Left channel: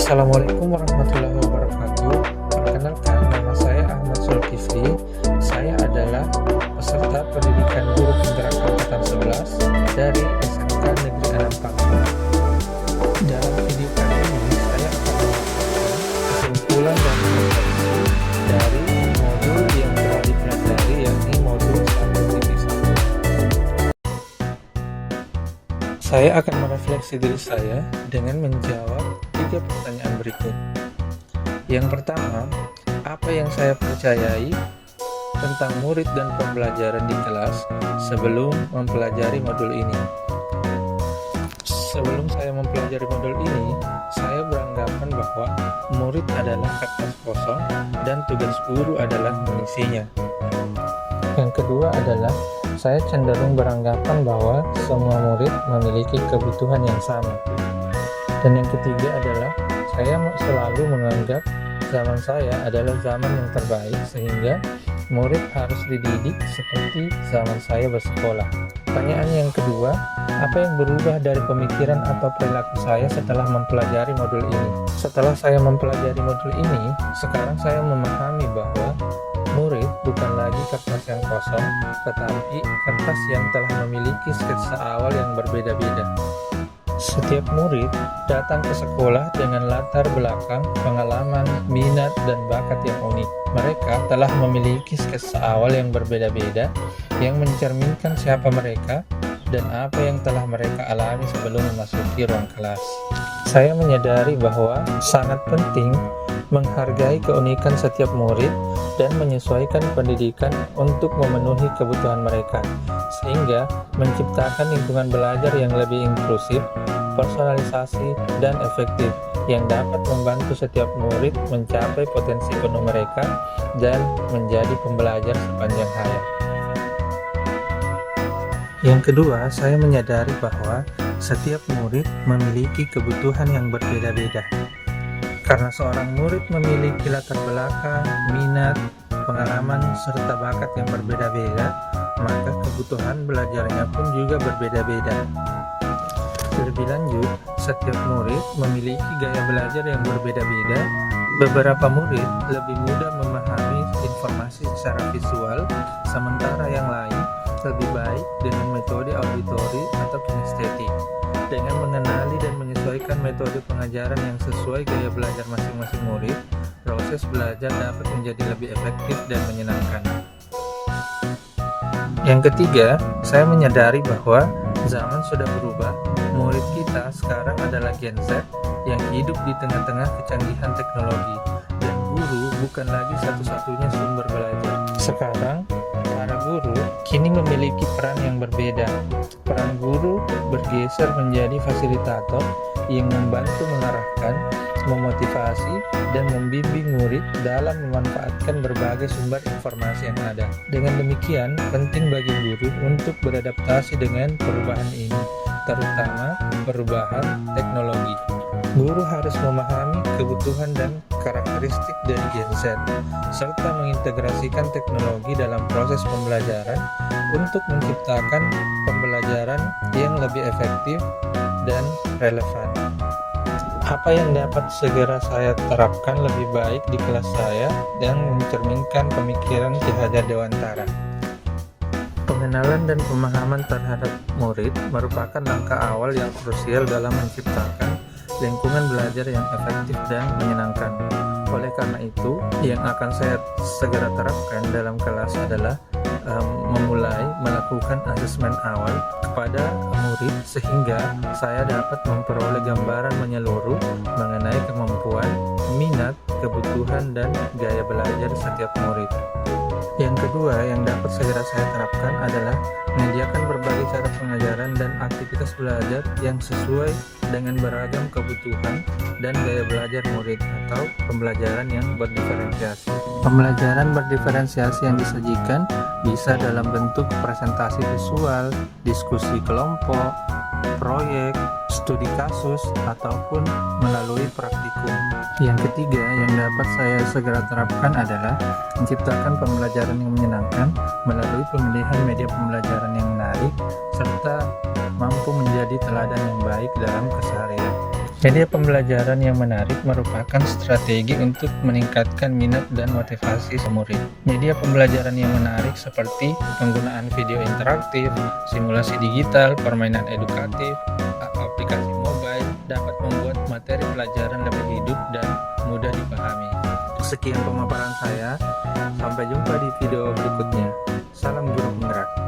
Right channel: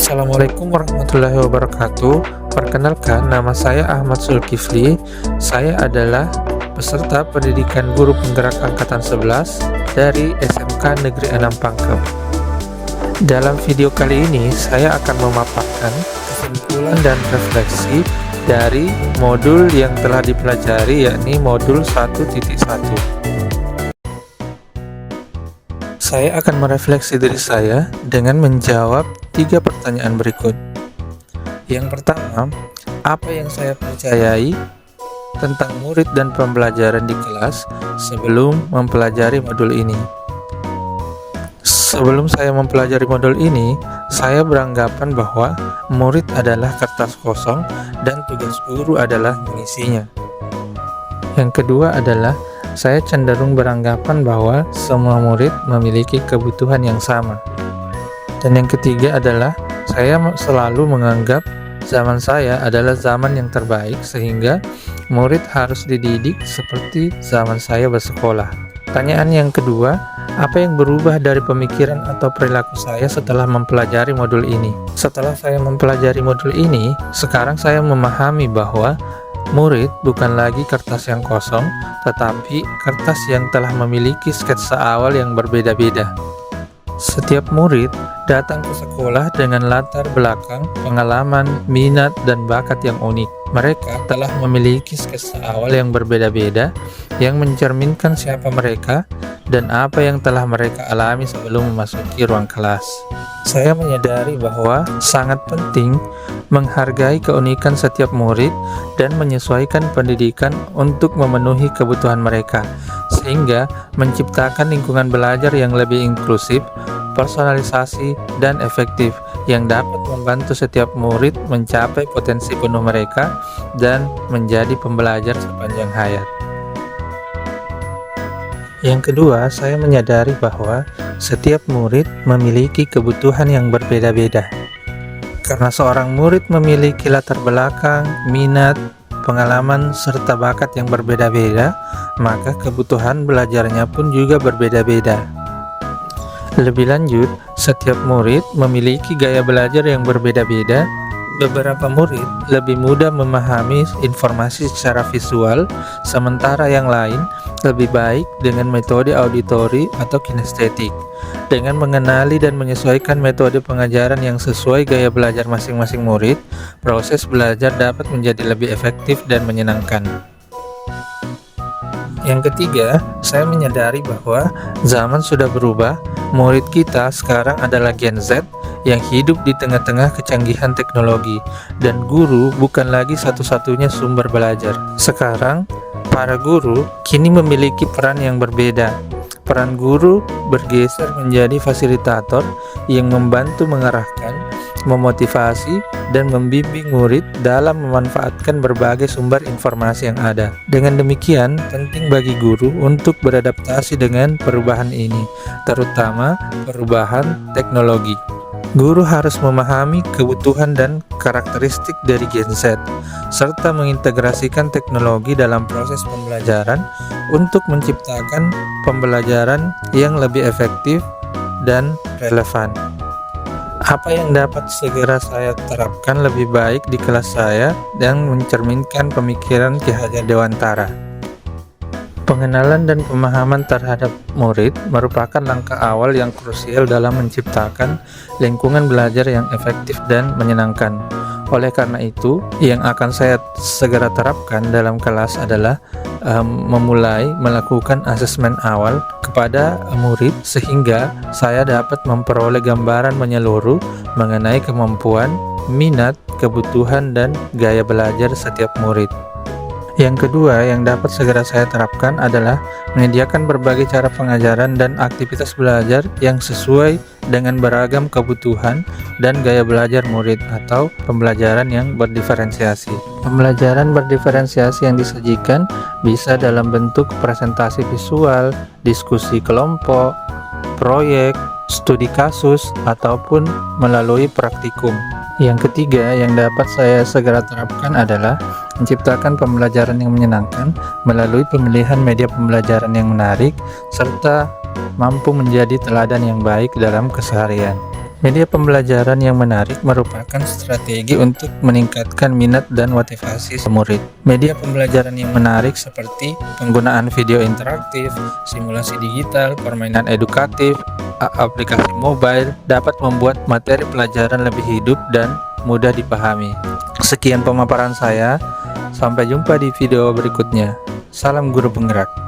Assalamualaikum warahmatullahi wabarakatuh. Perkenalkan, nama saya Ahmad Zulkifli. Saya adalah peserta pendidikan guru penggerak angkatan 11 dari SMK Negeri 6 Pangkep. Dalam video kali ini, saya akan memaparkan kesimpulan dan refleksi dari modul yang telah dipelajari, yakni modul 1.1. Saya akan merefleksi diri saya dengan menjawab 3 pertanyaan berikut. Yang pertama, apa yang saya percayai tentang murid dan pembelajaran di kelas sebelum mempelajari modul ini? Sebelum saya mempelajari modul ini, saya beranggapan bahwa murid adalah kertas kosong dan tugas guru adalah mengisinya. Yang kedua adalah saya cenderung beranggapan bahwa semua murid memiliki kebutuhan yang sama. Dan yang ketiga adalah saya selalu menganggap zaman saya adalah zaman yang terbaik, sehingga murid harus dididik seperti zaman saya bersekolah. Pertanyaan yang kedua, apa yang berubah dari pemikiran atau perilaku saya setelah mempelajari modul ini? Setelah saya mempelajari modul ini, sekarang saya memahami bahwa murid bukan lagi kertas yang kosong, tetapi kertas yang telah memiliki sketsa awal yang berbeda-beda. Setiap murid datang ke sekolah dengan latar belakang, pengalaman, minat, dan bakat yang unik. Mereka telah memiliki sketsa awal yang berbeda-beda, yang mencerminkan siapa mereka dan apa yang telah mereka alami sebelum memasuki ruang kelas. Saya menyadari bahwa sangat penting menghargai keunikan setiap murid dan menyesuaikan pendidikan untuk memenuhi kebutuhan mereka, sehingga menciptakan lingkungan belajar yang lebih inklusif, personalisasi, dan efektif yang dapat membantu setiap murid mencapai potensi penuh mereka dan menjadi pembelajar sepanjang hayat. Yang kedua, saya menyadari bahwa setiap murid memiliki kebutuhan yang berbeda-beda. Karena seorang murid memiliki latar belakang, minat, pengalaman, serta bakat yang berbeda-beda, maka kebutuhan belajarnya pun juga berbeda-beda. Lebih lanjut, setiap murid memiliki gaya belajar yang berbeda-beda. Beberapa murid lebih mudah memahami informasi secara visual, sementara yang lain lebih baik dengan metode auditori atau kinestetik. Dengan mengenali dan menyesuaikan metode pengajaran yang sesuai gaya belajar masing-masing murid, proses belajar dapat menjadi lebih efektif dan menyenangkan. Yang ketiga, saya menyadari bahwa zaman sudah berubah. Murid kita sekarang adalah Gen Z yang hidup di tengah-tengah kecanggihan teknologi, dan guru bukan lagi satu-satunya sumber belajar. Sekarang, para guru kini memiliki peran yang berbeda. Peran guru bergeser menjadi fasilitator yang membantu mengarahkan, memotivasi, dan membimbing murid dalam memanfaatkan berbagai sumber informasi yang ada. Dengan demikian, penting bagi guru untuk beradaptasi dengan perubahan ini, terutama perubahan teknologi. Guru harus memahami kebutuhan dan karakteristik dari Gen Z, serta mengintegrasikan teknologi dalam proses pembelajaran untuk menciptakan pembelajaran yang lebih efektif dan relevan. Apa yang dapat segera saya terapkan lebih baik di kelas saya dan mencerminkan pemikiran Ki Hajar Dewantara. Pengenalan dan pemahaman terhadap murid merupakan langkah awal yang krusial dalam menciptakan lingkungan belajar yang efektif dan menyenangkan. Oleh karena itu, yang akan saya segera terapkan dalam kelas adalah memulai melakukan asesmen awal kepada murid, sehingga saya dapat memperoleh gambaran menyeluruh mengenai kemampuan, minat, kebutuhan, dan gaya belajar setiap murid. Yang kedua yang dapat segera saya terapkan adalah menyediakan berbagai cara pengajaran dan aktivitas belajar yang sesuai dengan beragam kebutuhan dan gaya belajar murid, atau pembelajaran yang berdiferensiasi. Pembelajaran berdiferensiasi yang disajikan bisa dalam bentuk presentasi visual, diskusi kelompok, proyek, studi kasus, ataupun melalui praktikum. Yang ketiga yang dapat saya segera terapkan adalah menciptakan pembelajaran yang menyenangkan melalui pemilihan media pembelajaran yang menarik, serta mampu menjadi teladan yang baik dalam keseharian. Media pembelajaran yang menarik merupakan strategi untuk meningkatkan minat dan motivasi murid. Media pembelajaran yang menarik seperti penggunaan video interaktif, simulasi digital, permainan edukatif, aplikasi mobile dapat membuat materi pelajaran lebih hidup dan mudah dipahami. Sekian pemaparan saya, sampai jumpa di video berikutnya. Salam guru penggerak.